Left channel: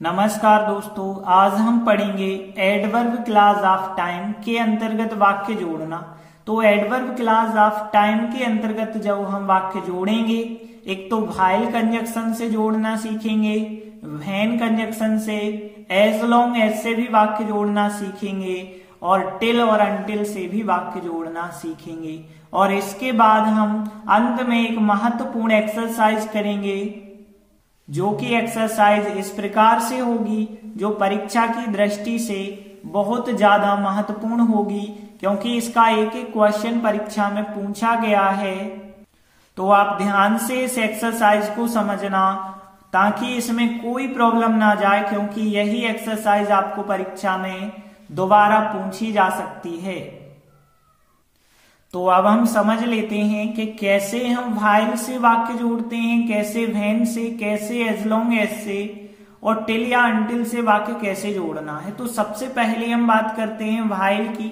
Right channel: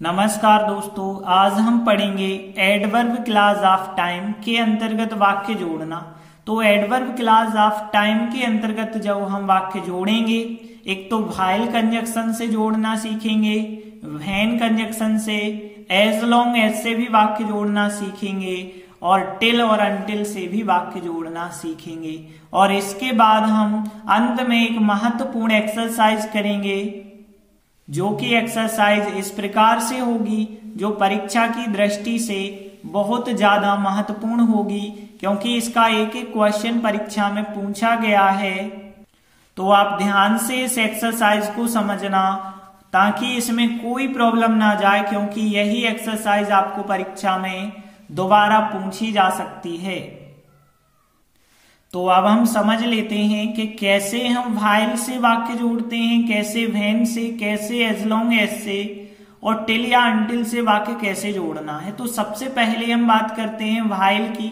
नमस्कार दोस्तों, आज हम पढ़ेंगे एडवर्ब क्लॉज ऑफ टाइम के अंतर्गत वाक्य जोड़ना। तो एडवर्ब क्लॉज ऑफ टाइम के अंतर्गत जब हम वाक्य जोड़ेंगे, एक तो व्हाइल कंजक्शन से जोड़ना सीखेंगे, व्हेन कंजक्शन से, एज लॉन्ग एज से भी वाक्य जोड़ना सीखेंगे और टिल और अनटिल से भी वाक्य जोड़ना सीखेंगे। और इसके बाद हम अंत में एक महत्वपूर्ण एक्सरसाइज करेंगे, जो कि एक्सरसाइज इस प्रकार से होगी, जो परीक्षा की दृष्टि से बहुत ज्यादा महत्वपूर्ण होगी, क्योंकि इसका एक एक क्वेश्चन परीक्षा में पूछा गया है। तो आप ध्यान से इस एक्सरसाइज को समझना, ताकि इसमें कोई प्रॉब्लम ना जाए, क्योंकि यही एक्सरसाइज आपको परीक्षा में दोबारा पूछी जा सकती है। तो अब हम समझ लेते हैं कि कैसे हम व्हाइल से वाक्य जोड़ते हैं, कैसे व्हेन से, कैसे एज लॉन्ग एज से और टिल या अनटिल से वाक्य कैसे जोड़ना है। तो सबसे पहले हम बात करते हैं व्हाइल की।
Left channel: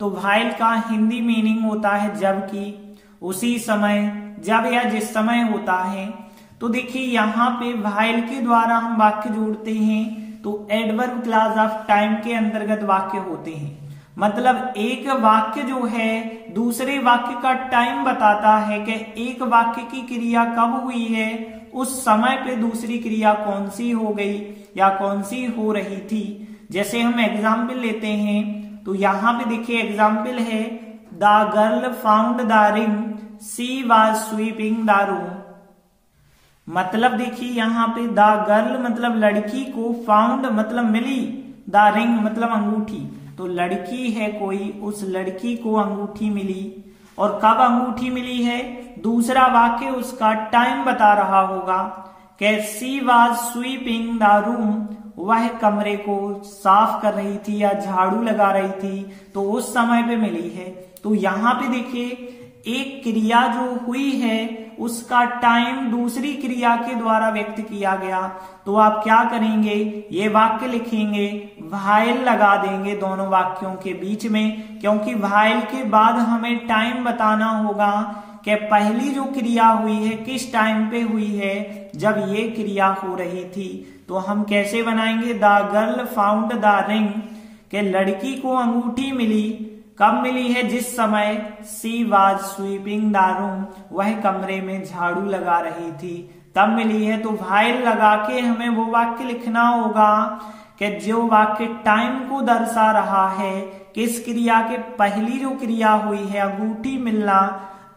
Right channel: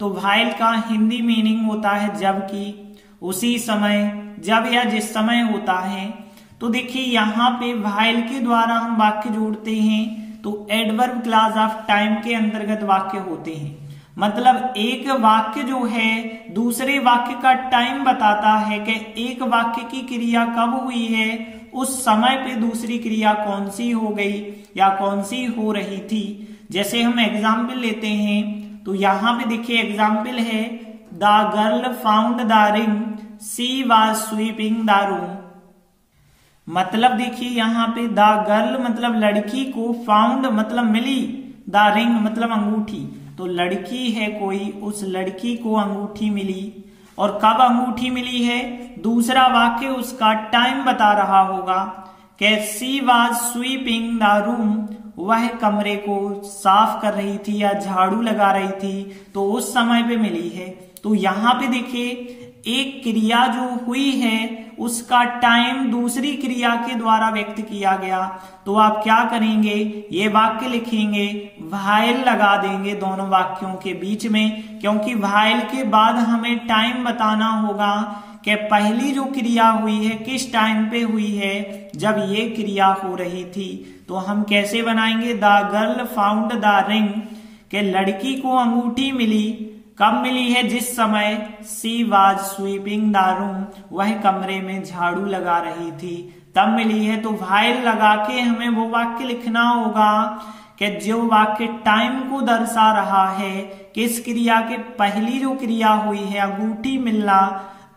तो व्हाइल का हिंदी मीनिंग होता है जबकि, उसी समय, जब या जिस समय होता है। तो देखिए यहाँ पे व्हाइल के द्वारा हम वाक्य जोड़ते हैं, तो एडवर्ब क्लॉज ऑफ टाइम के अंतर्गत वाक्य होते हैं। मतलब एक वाक्य जो है दूसरे वाक्य का टाइम बताता है कि एक वाक्य की क्रिया कब हुई है, उस समय पे दूसरी क्रिया कौन सी हो गई या कौन सी हो रही थी। जैसे हम एग्जाम्पल लेते हैं, तो यहाँ पे देखिए एग्जाम्पल है, the girl found the ring, she was sweeping the room. मतलब देखिए यहाँ पे द गर्ल मतलब लड़की को, फाउंड मतलब मिली, द रिंग मतलब अंगूठी। तो लड़की है कोई, उस लड़की को अंगूठी मिली। और कब अंगूठी मिली है, दूसरा वाक्य उसका टाइम बता रहा होगा कि she was sweeping the room, वह कमरे को साफ कर रही थी या झाड़ू लगा रही थी, तो उस समय पे मिली है। तो यहाँ पे देखिए एक क्रिया जो हुई है उसका टाइम दूसरी क्रिया के द्वारा व्यक्त किया गया। तो आप क्या करेंगे, ये वाक्य लिखेंगे, व्हाइल लगा देंगे दोनों वाक्यों के बीच में, क्योंकि व्हाइल के बाद हमें टाइम बताना होगा कि पहली जो क्रिया हुई है किस टाइम पे हुई है, जब ये क्रिया हो रही थी। तो हम कैसे बनाएंगे, the girl found the ring, के लड़की को अंगूठी मिली, कब मिली है, जिस समय, she was sweeping the room, वह कमरे में झाड़ू लगा रही थी, तब मिली है। तो व्हाइल लगा के हमें वो वाक्य लिखना होगा कि जो वाक्य टाइम को दर्शा रहा है, किस क्रिया के पहली जो क्रिया हुई है अंगूठी मिलना,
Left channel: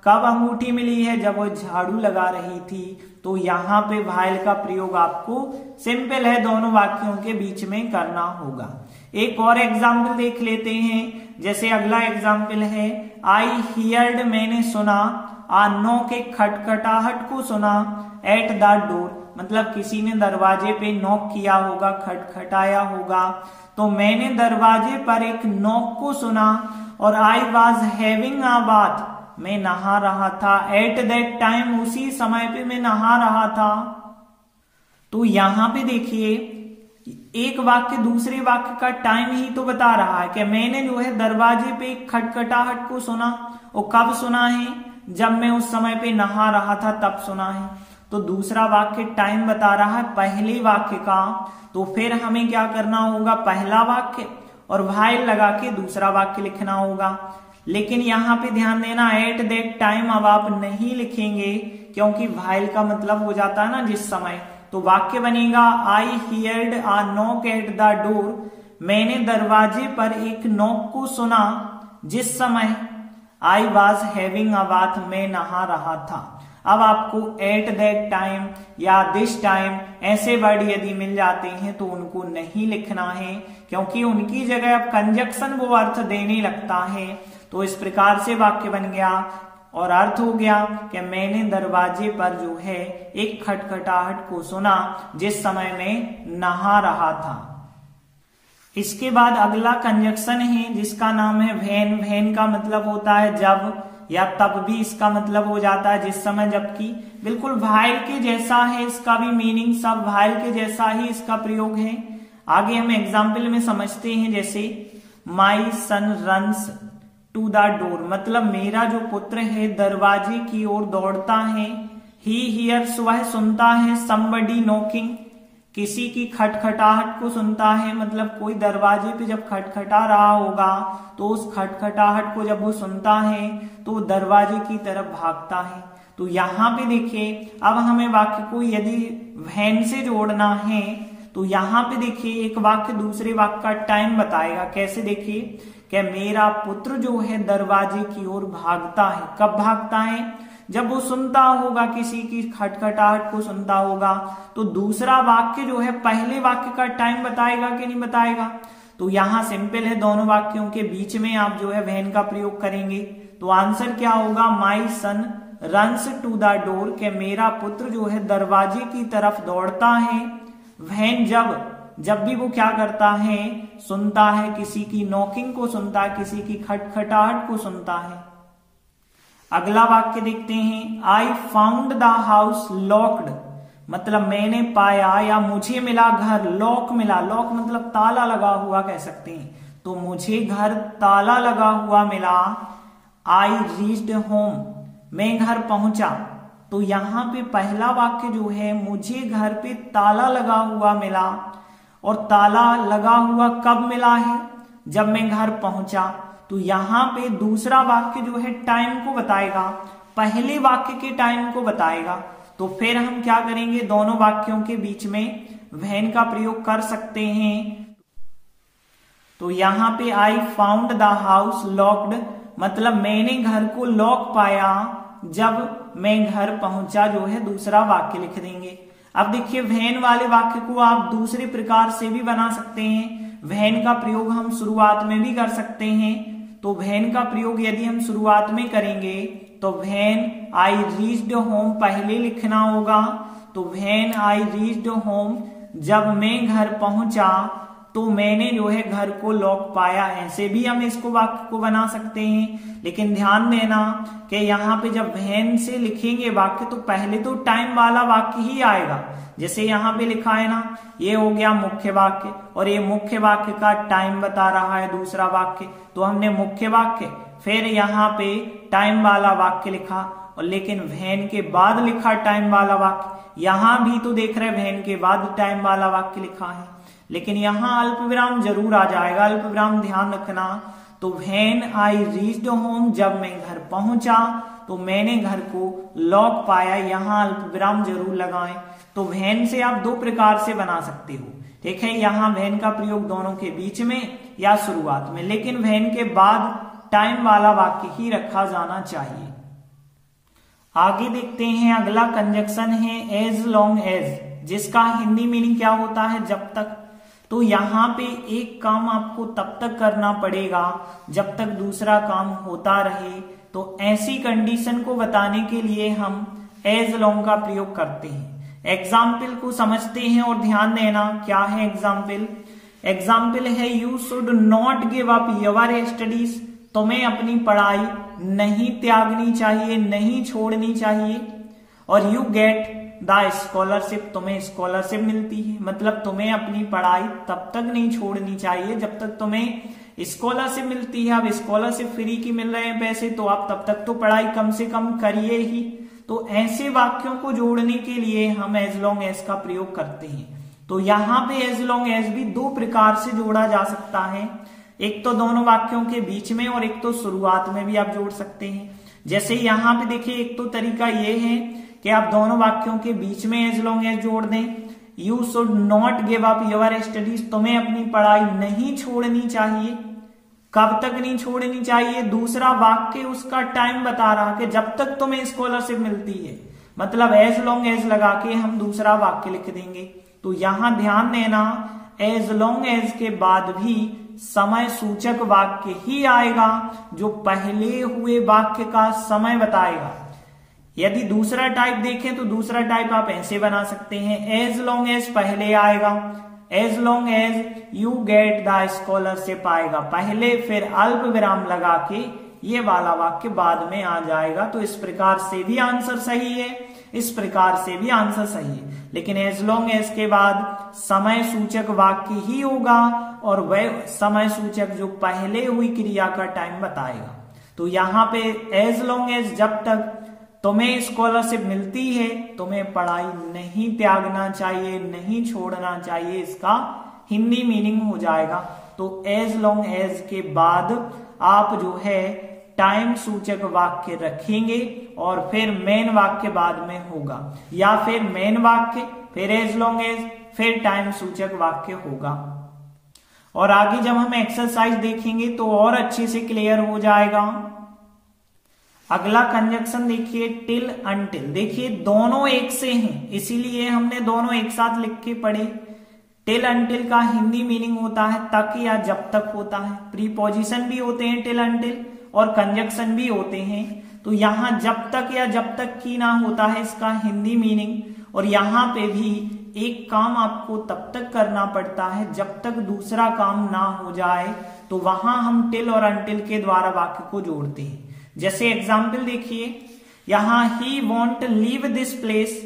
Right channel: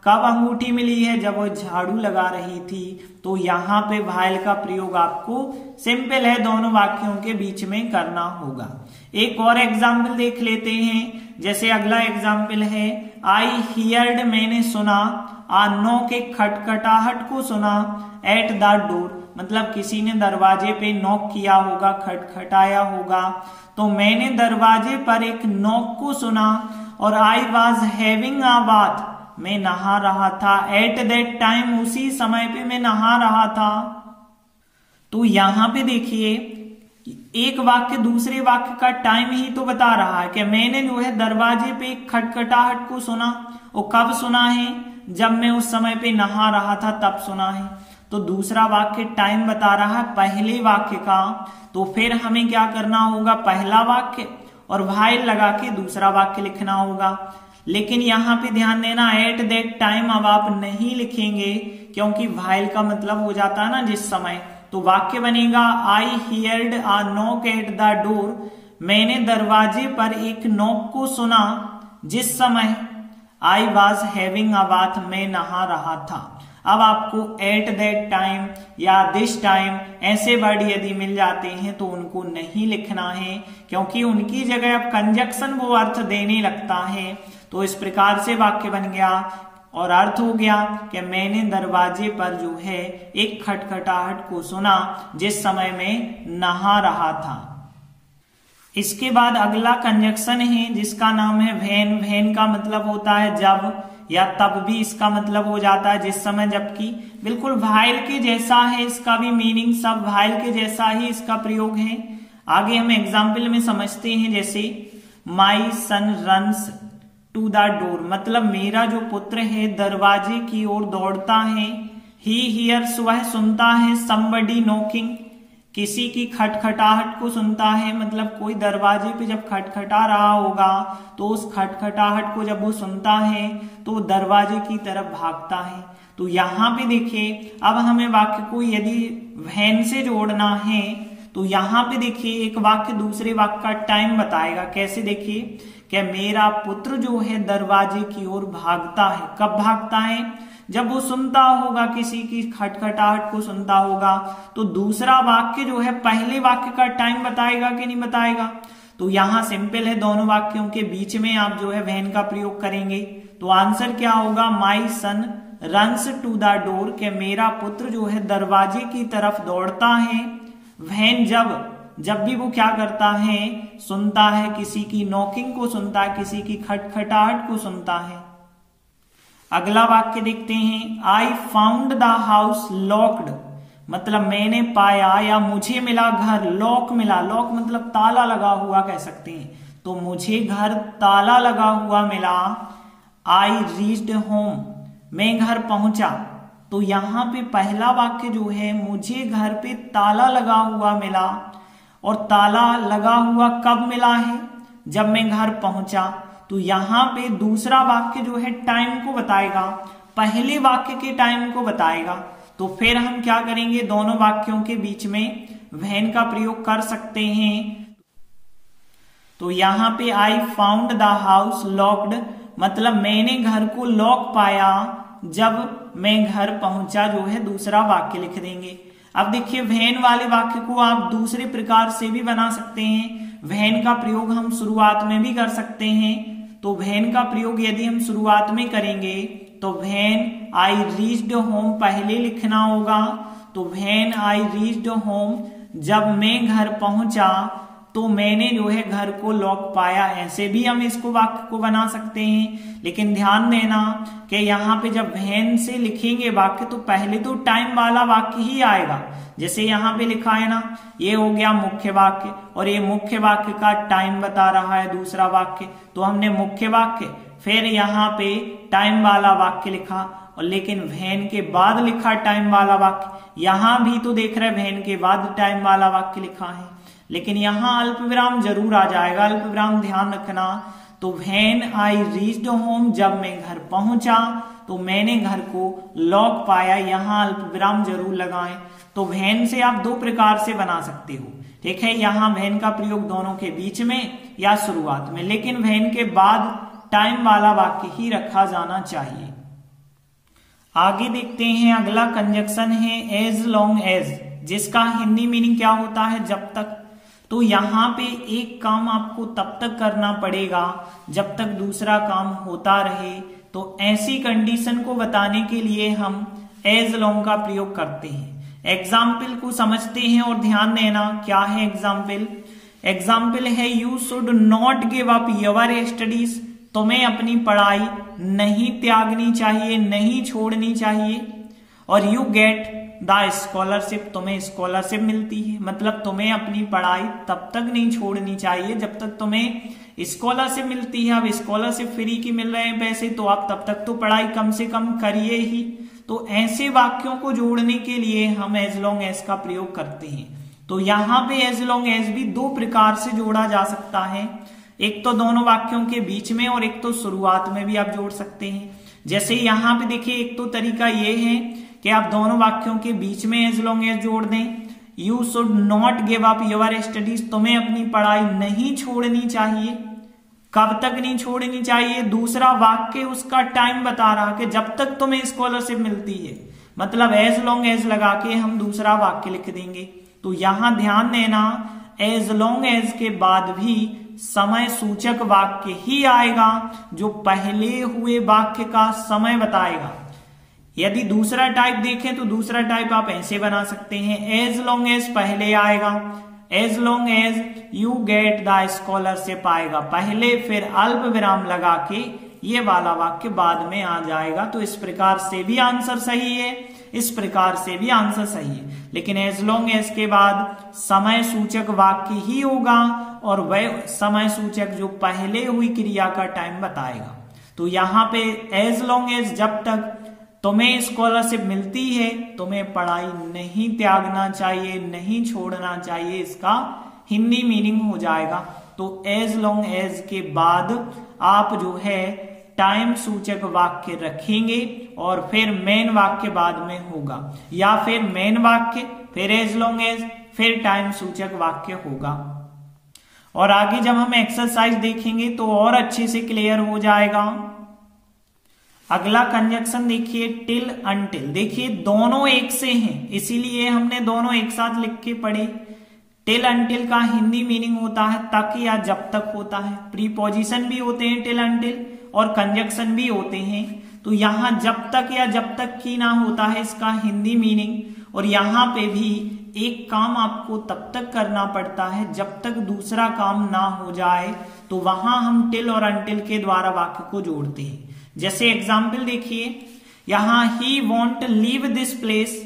कब अंगूठी मिली है, जब वो झाड़ू लगा रही थी। तो यहाँ पे व्हाइल का प्रयोग आपको सिंपल है, दोनों वाक्यों के बीच में करना होगा। एक और एग्जाम्पल देख लेते हैं। जैसे अगला एग्जाम्पल है, आई हियर्ड मैंने सुना, आ नॉक एक खटखटाहट को सुना, एट द डोर मतलब किसी ने दरवाजे पे नॉक किया होगा, खटखटाया होगा। तो मैंने दरवाजे पर एक नॉक को सुना, और आई वॉज हैविंग अ बाथ, मैं नहा रहा था, एट दैट टाइम उसी समय पे मैं नहा रहा था। तो यहाँ पे देखिए एक वाक्य दूसरे वाक्य का टाइम ही तो बता रहा है कि मैंने जो है दरवाजे पे एक खटखटाहट को सुना, और कब सुना है, जब मैं उस समय पे नहा रहा था तब सुना है। तो दूसरा वाक्य टाइम बता रहा है पहले वाक्य का। तो फिर हमें क्या करना होगा, पहला वाक्य और व्हाइल लगा के दूसरा वाक्य लिखना होगा। लेकिन यहाँ पे ध्यान देना, एट दैट टाइम अब आप नहीं लिखेंगे, क्योंकि व्हाइल का मतलब हो जाता है ना जिस समय। तो वाक्य बनेगा, I heard a knock at the door, मैंने दरवाजे पर एक नॉक को सुना जिस समय, I was having a bath मैं नहा रहा था। अब आपको एट दैट टाइम या दिस टाइम ऐसे वर्ड यदि मिल जाते हैं तो उनको नहीं लिखना है, क्योंकि उनकी जगह अब कंजक्शन वो अर्थ देने लगता है। तो इस प्रकार से वाक्य बन गया, और अर्थ हो गया कि मैंने दरवाजे पर जो है एक खटखटाहट को सुना जिस समय मैं नहा रहा था। इसके बाद अगला कंजक्शन है जिसका नाम है व्हेन। व्हेन का मतलब होता है जब, या तब भी इसका मतलब हो जाता है जिस समय, जबकि बिल्कुल व्हाइल के जैसा है इसका भी मीनिंग, सब व्हाइल के जैसा ही इसका प्रयोग है। आगे हम एग्जाम्पल में समझते हैं। जैसे माई सन रन्स टू द डोर मतलब मेरा जो पुत्र है दरवाजे की ओर दौड़ता है। ही हियर्स वह सुनता है, समबडी नॉकिंग किसी की खटखटाहट को सुनता है, मतलब कोई दरवाजे पे जब खटखटा रहा होगा तो उस खटखटाहट को जब वो सुनता है तो दरवाजे की तरफ भागता है। तो यहाँ पे देखिए, अब हमें वाक्य को यदि वैन से जोड़ना है तो यहाँ पे देखिए एक वाक्य दूसरे वाक्य का टाइम बताएगा। कैसे? देखिए कि मेरा पुत्र जो है दरवाजे की ओर भागता है। कब भागता है? जब वो सुनता होगा, किसी की खटखटाहट को सुनता होगा। तो दूसरा वाक्य जो है पहले वाक्य का टाइम बताएगा कि नहीं बताएगा? तो यहाँ सिंपल है, दोनों वाक्यों के बीच में आप जो है वैन का प्रयोग करेंगे। तो आंसर क्या होगा? माई सन रन्स टू द डोर, के मेरा पुत्र जो है दरवाजे की तरफ दौड़ता है। वैन जब भी वो क्या करता है, सुनता है, किसी की नॉकिंग को सुनता है, किसी की खटखटाहट को सुनता है। अगला वाक्य देखते हैं, I found the house locked, मतलब मैंने पाया या मुझे मिला घर लॉक मिला। लॉक मतलब ताला लगा हुआ कह सकते हैं। तो मुझे घर ताला लगा हुआ मिला। आई रीच्ड होम, मैं घर पहुंचा। तो यहाँ पे पहला वाक्य जो है, मुझे घर पे ताला लगा हुआ मिला, और ताला लगा हुआ कब मिला है? जब मैं घर पहुंचा। तो यहाँ पे दूसरा वाक्य जो है टाइम को बताएगा, पहले वाक्य के टाइम को बताएगा। तो फिर हम क्या करेंगे, दोनों वाक्यों के बीच में वैन का प्रयोग कर सकते हैं। तो यहाँ पे I found the house locked, मतलब मैंने घर को लॉक पाया जब मैं घर पहुंचा, जो है दूसरा वाक्य लिख देंगे। अब देखिए वैन वाले वाक्य को आप दूसरे प्रकार से भी बना सकते हैं। वैन का प्रयोग हम शुरुआत में भी कर सकते हैं। तो वैन का प्रयोग यदि हम शुरुआत में करेंगे तो वैन आई रीच्ड होम पहले लिखना होगा। तो वैन आई रीच्ड होम, जब मैं घर पहुंचा तो मैंने जो है घर को लॉक पाया। ऐसे भी हम इसको वाक्य को बना सकते हैं। लेकिन ध्यान देना कि यहाँ पे जब वैन से लिखेंगे वाक्य तो पहले तो टाइम वाला वाक्य ही आएगा। जैसे यहाँ पे लिखा है ना, ये हो गया मुख्य वाक्य, और ये मुख्य वाक्य का टाइम बता रहा है दूसरा वाक्य। तो हमने मुख्य वाक्य फिर यहाँ पे टाइम वाला वाक्य लिखा, और लेकिन वैन के बाद लिखा टाइम वाला वाक्य। यहाँ भी तो देख रहे वैन के बाद टाइम वाला वाक्य लिखा है, लेकिन यहाँ अल्प विराम जरूर आ जाएगा। अल्प विराम ध्यान रखना। तो वैन आई रीच्ड होम, जब मैं घर पहुंचा तो मैंने घर को लॉक पाया, यहाँ अल्प विराम जरूर लगाएं। तो वैन से आप दो प्रकार से बना सकते हो, ठीक है। यहाँ वैन का प्रयोग दोनों के बीच में या शुरुआत में, लेकिन वैन के बाद टाइम वाला वाक्य ही रखा जाना चाहिए। आगे देखते हैं, अगला कंजक्शन है एज लॉन्ग एज, जिसका हिंदी मीनिंग क्या होता है? जब तक। तो यहाँ पे एक काम आपको तब तक करना पड़ेगा जब तक दूसरा काम होता रहे। तो ऐसी कंडीशन को बताने के लिए हम एज लॉन्ग का प्रयोग करते हैं। एग्जाम्पल को समझते हैं और ध्यान देना क्या है एग्जाम्पल। एग्जाम्पल है, you should not give up your studies, तुम्हें अपनी पढ़ाई नहीं त्यागनी चाहिए, नहीं छोड़नी चाहिए। और यू गेट द स्कॉलरशिप, तुम्हें स्कॉलरशिप मिलती है, मतलब तुम्हें अपनी पढ़ाई तब तक नहीं छोड़नी चाहिए जब तक तुम्हें स्कॉलरशिप मिलती है। अब स्कॉलरशिप फ्री की मिल रहे हैं पैसे, तो आप तब तक तो पढ़ाई कम से कम करिए ही। तो ऐसे वाक्यों को जोड़ने के लिए हम एज लॉन्ग एज का प्रयोग करते हैं। तो यहाँ पे एज लॉन्ग एज भी दो प्रकार से जोड़ा जा सकता है, एक तो दोनों वाक्यों के बीच में और एक तो शुरुआत में भी आप जोड़ सकते हैं। जैसे यहाँ पे देखिए, एक तो तरीका ये है कि आप दोनों वाक्यों के बीच में एज लॉन्ग एज जोड़ दें। You should not give up your studies, तुम्हें अपनी पढ़ाई नहीं छोड़नी चाहिए। कब तक नहीं छोड़नी चाहिए? दूसरा वाक्य उसका टाइम बता रहा कि जब तक तुम्हें स्कॉलरशिप मिलती है, मतलब एज लॉन्ग एज लगा के हम दूसरा वाक्य लिख देंगे। तो यहां ध्यान देना, एज लॉन्ग एज के बाद भी समय सूचक वाक्य ही आएगा जो पहले हुए वाक्य का समय बताएगा। यदि दूसरा टाइप देखें तो दूसरा टाइप आप ऐसे बना सकते हैं, एज लॉन्ग एज पहले आएगा, as long as you get the scholarship आएगा पहले, फिर अल्प विराम लगा के ये वाला वाक्य बाद में आ जाएगा। तो इस प्रकार से भी आंसर सही है, इस प्रकार से भी आंसर सही है। लेकिन एज लॉन्ग एज के बाद समय सूचक वाक्य ही होगा और वह समय सूचक जो पहले हुई क्रिया का टाइम बताएगा। तो यहाँ पे एज लॉन्ग एज जब तक तुम्हें स्कॉलरशिप मिलती है, तुम्हें पढ़ाई नहीं त्यागना चाहिए, नहीं छोड़ना चाहिए, इसका हिंदी मीनिंग हो जाएगा। तो एज लॉन्ग एज के बाद आप जो है टाइम सूचक वाक्य रखेंगे और फिर मेन वाक्य बाद में होगा, या फिर मेन वाक्य फिर एज लॉन्ग एज फिर टाइम सूचक वाक्य होगा। और आगे जब हम एक्सरसाइज देखेंगे तो और अच्छे से क्लियर हो जाएगा। अगला कंजक्शन देखिए टिल अनटिल। देखिए दोनों एक से हैं, इसीलिए हमने दोनों एक साथ लिख के पढ़े। टिल अनटिल का हिंदी मीनिंग होता है तक या जब तक होता है। प्रीपोजिशन भी होते हैं टिल अनटिल और कंजक्शन भी होते हैं। तो यहां जब तक या जब तक की ना होता है इसका हिंदी मीनिंग। और यहां पे भी एक काम आपको तब तक करना पड़ता है जब तक दूसरा काम ना हो जाए, तो वहां हम टिल और अनटिल के द्वारा वाक्य को जोड़ते हैं। जैसे एग्जाम्पल देखिए, यहां ही वॉन्ट लीव दिस प्लेस,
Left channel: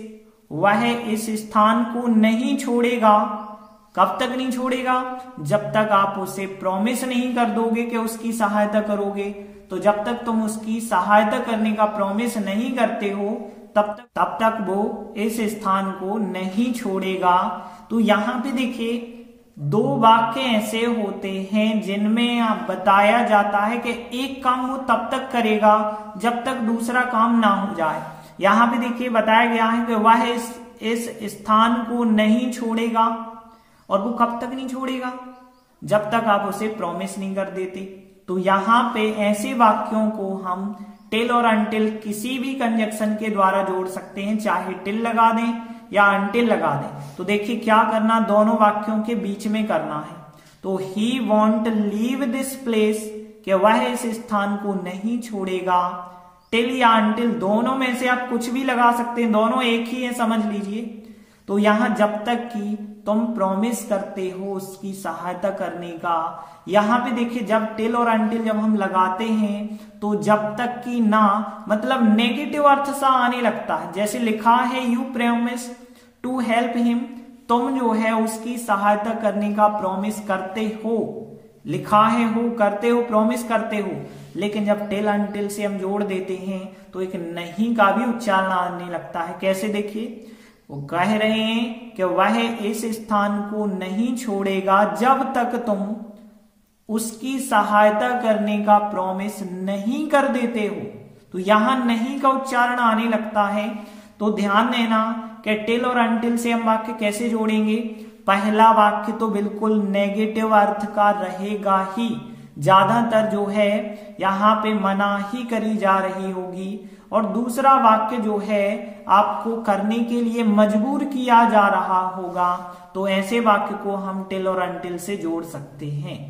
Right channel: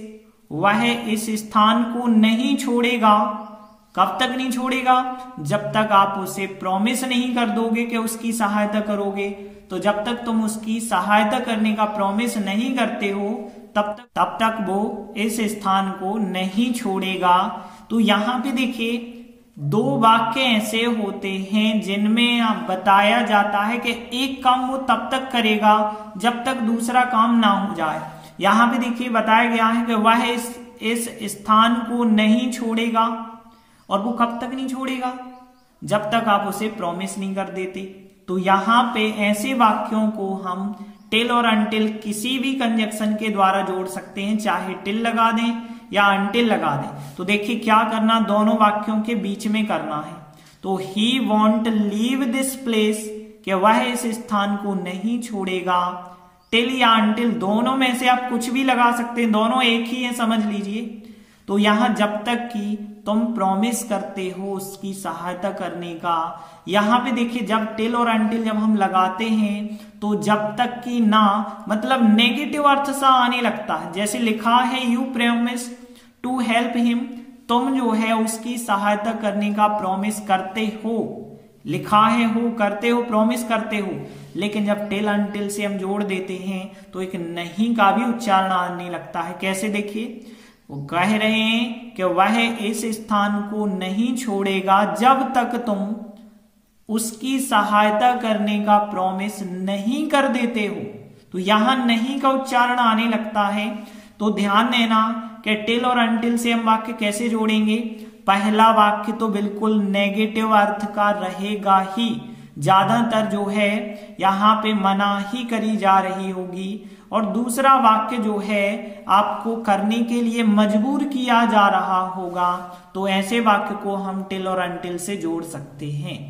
वह इस स्थान को नहीं छोड़ेगा। कब तक नहीं छोड़ेगा? जब तक आप उसे प्रॉमिस नहीं कर दोगे कि उसकी सहायता करोगे। तो जब तक तुम उसकी सहायता करने का प्रॉमिस नहीं करते हो तब तक वो इस स्थान को नहीं छोड़ेगा। तो यहां पे देखिए दो वाक्य ऐसे होते हैं जिनमें आप बताया जाता है कि एक काम वो तब तक करेगा जब तक दूसरा काम ना हो जाए। यहां पे देखिए बताया गया है कि वह इस स्थान को नहीं छोड़ेगा, और वो कब तक नहीं छोड़ेगा? जब तक आप उसे प्रॉमिस नहीं कर देते। तो यहां पे ऐसे वाक्यों को हम टिल और अनटिल किसी भी कंजक्शन के द्वारा जोड़ सकते हैं, चाहे टिल लगा दें या अनटिल लगा दें। तो देखिए क्या करना, दोनों वाक्यों के बीच में करना है। तो ही वॉन्ट लीव दिस प्लेस, कि वह इस स्थान को नहीं छोड़ेगा। टिल या अनटिल दोनों में से आप कुछ भी लगा सकते हैं, दोनों एक ही है, समझ लीजिए। तो यहां जब तक कि तुम प्रॉमिस करते हो उसकी सहायता करने का। यहां पे देखिए जब टिल और अनटिल जब हम लगाते हैं तो जब तक कि ना मतलब नेगेटिव अर्थ सा आने लगता है। जैसे लिखा है you promise to help him, तुम जो है उसकी सहायता करने का प्रॉमिस करते हो। लिखा है हो, करते हो, प्रॉमिस करते हो। लेकिन जब टिल अनटिल से हम जोड़ देते हैं तो एक नहीं का भी उच्चारण आने लगता है। कैसे देखिए, वो कह रहे हैं कि वह इस स्थान को नहीं छोड़ेगा जब तक तुम उसकी सहायता करने का प्रॉमिस नहीं कर देते हो। तो यहां नहीं का उच्चारण आने लगता है। तो ध्यान देना कि टिल और अनटिल से हम वाक्य कैसे जोड़ेंगे। पहला वाक्य तो बिल्कुल नेगेटिव अर्थ का रहेगा ही, ज्यादातर जो है यहां पे मनाही करी जा रही होगी। और दूसरा वाक्य जो है आपको करने के लिए मजबूर किया जा रहा होगा। तो ऐसे वाक्य को हम टिल और अनटिल से जोड़ सकते हैं।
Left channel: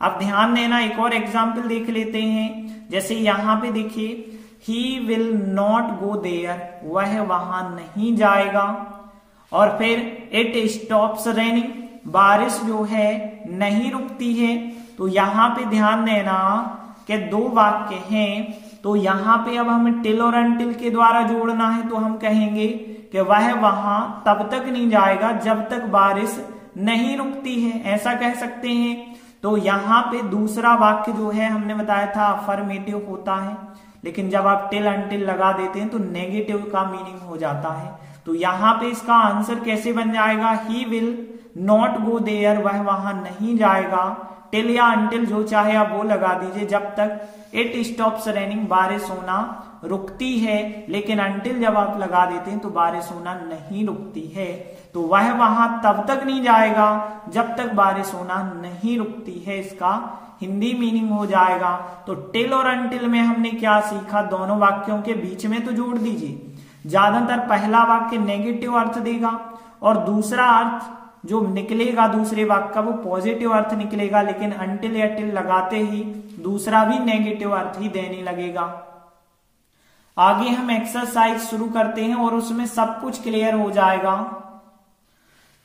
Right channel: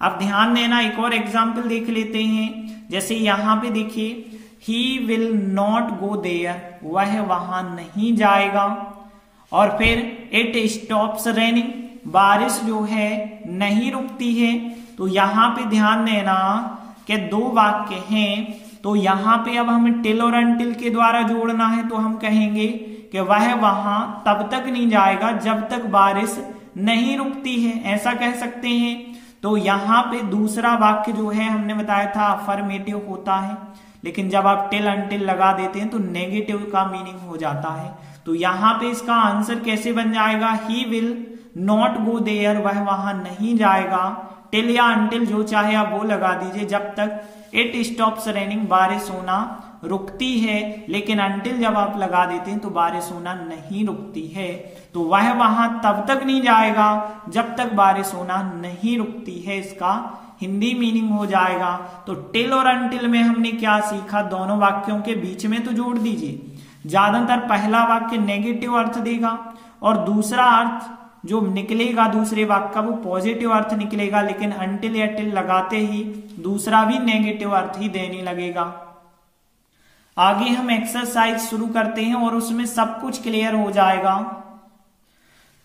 अब ध्यान देना, एक और एग्जाम्पल देख लेते हैं। जैसे यहां पे देखिए he will not go there, वह वहां नहीं जाएगा। और फिर इट स्टॉप्स रेनिंग, बारिश जो है नहीं रुकती है। तो यहां पे ध्यान देना कि दो वाक्य हैं। तो यहां पे अब हमें टिल और अनटिल के द्वारा जोड़ना है। तो हम कहेंगे कि वह वहां तब तक नहीं जाएगा जब तक बारिश नहीं रुकती है, ऐसा कह सकते हैं। तो यहां पे दूसरा वाक्य जो है हमने बताया था अफर्मेटिव होता है, लेकिन जब आप टिल अनटिल लगा देते हैं तो नेगेटिव का मीनिंग हो जाता है। तो यहां पे इसका आंसर कैसे बन जाएगा, he will not go there, वह वहां नहीं जाएगा। टिल या अनटिल जो चाहे आप वो लगा दीजिए, जब तक इट स्टॉप्स रेनिंग, बारिश होना रुकती है। लेकिन अनटिल जब आप लगा देते हैं तो बारिश होना नहीं रुकती है। तो वह वहां तब तक नहीं जाएगा जब तक बारिश होना नहीं रुकती है, इसका हिंदी मीनिंग हो जाएगा। तो टिल और अनटिल में हमने क्या सीखा, दोनों वाक्यों के बीच में तो जोड़ दीजिए। ज्यादातर पहला वाक्य नेगेटिव अर्थ देगा और दूसरा अर्थ जो निकलेगा दूसरे वाक्य का वो पॉजिटिव अर्थ निकलेगा। लेकिन अनटिल या टिल लगाते ही दूसरा भी नेगेटिव अर्थ ही देने लगेगा। आगे हम एक्सरसाइज शुरू करते हैं और उसमें सब कुछ क्लियर हो जाएगा।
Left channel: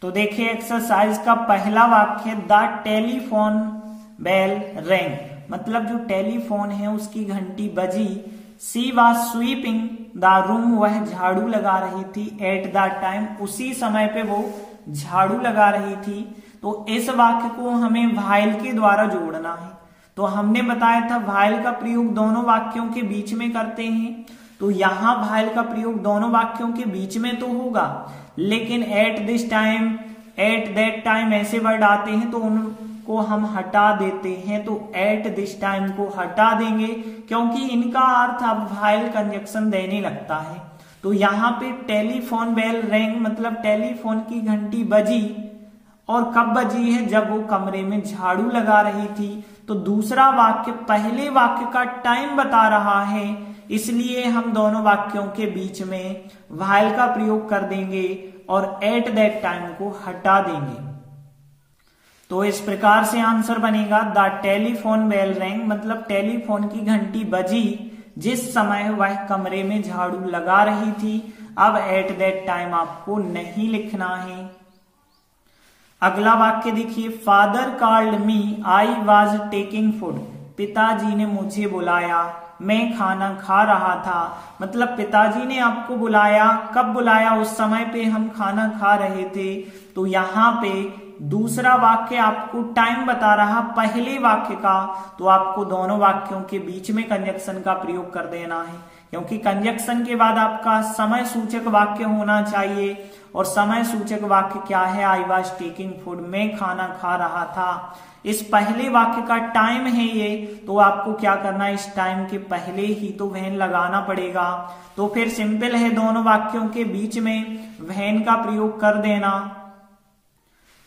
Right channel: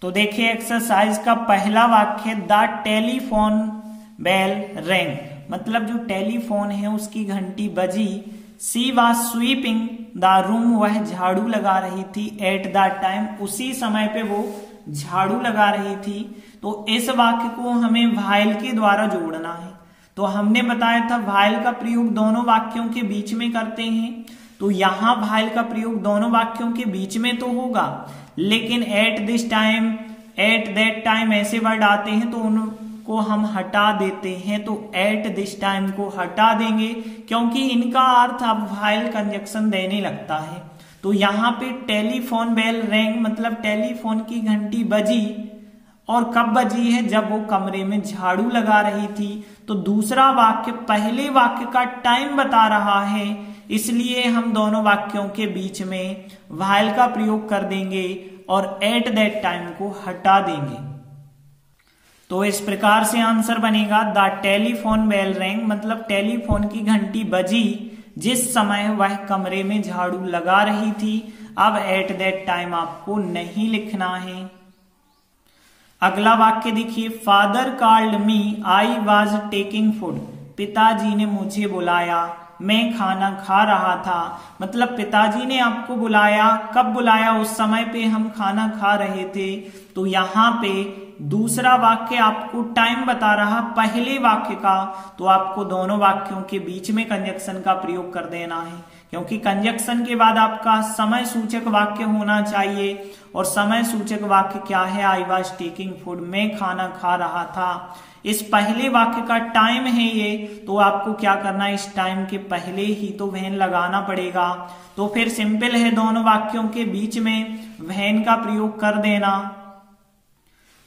तो देखिए एक्सरसाइज का पहला वाक्य, द टेलीफोन बेल रेंग, मतलब जो टेलीफोन है उसकी घंटी बजी। She was sweeping the room, वह झाड़ू लगा रही थी। एट द टाइम, उसी समय पे वो झाड़ू लगा रही थी। तो इस वाक्य को हमें व्हाइल के द्वारा जोड़ना है। तो हमने बताया था व्हाइल का प्रयोग दोनों वाक्यों के बीच में करते हैं। तो यहाँ व्हाइल का प्रयोग दोनों वाक्यों के बीच में तो होगा, लेकिन at this time, eight that time ऐसे वर्ड आते हैं तो उनको हम हटा देते हैं। तो एट दिस टाइम को हटा देंगे क्योंकि इनका अर्थ अब व्हाइल कंजक्शन देने लगता है। तो यहाँ पे टेलीफोन बेल रैंग मतलब टेलीफोन की घंटी बजी, और कब बजी है? जब वो कमरे में झाड़ू लगा रही थी। तो दूसरा वाक्य पहले वाक्य का टाइम बता रहा है, इसलिए हम दोनों वाक्यों के बीच में व्हाइल का प्रयोग कर देंगे और एट दैट टाइम को हटा देंगे। तो इस प्रकार से आंसर बनेगा द टेलीफोन बेल रैंग मतलब टेलीफोन की घंटी बजी जिस समय वह कमरे में झाड़ू लगा रही थी। अब एट दैट टाइम आपको नहीं लिखना है। अगला वाक्य देखिए, father called me, I was taking food. पिताजी ने मुझे बुलाया, मैं खाना खा रहा था। मतलब पिताजी ने आपको बुलाया, कब बुलाया? उस समय पे हम खाना खा रहे थे। तो यहाँ पे दूसरा वाक्य आपको टाइम बता रहा पहले वाक्य का, तो आपको दोनों वाक्यों के बीच में कंजक्शन का प्रयोग कर देना है, क्योंकि कंजक्शन के बाद आपका समय सूचक वाक्य होना चाहिए। और समय सूचक वाक्य क्या है? आई वॉज टेकिंग फूड, मैं खाना खा रहा था। इस पहले वाक्य का टाइम है ये, तो आपको क्या करना है? इस टाइम के पहले ही तो व्हेन लगाना पड़ेगा। तो फिर सिंपल है, दोनों वाक्यों के बीच में व्हेन का प्रयोग कर देना।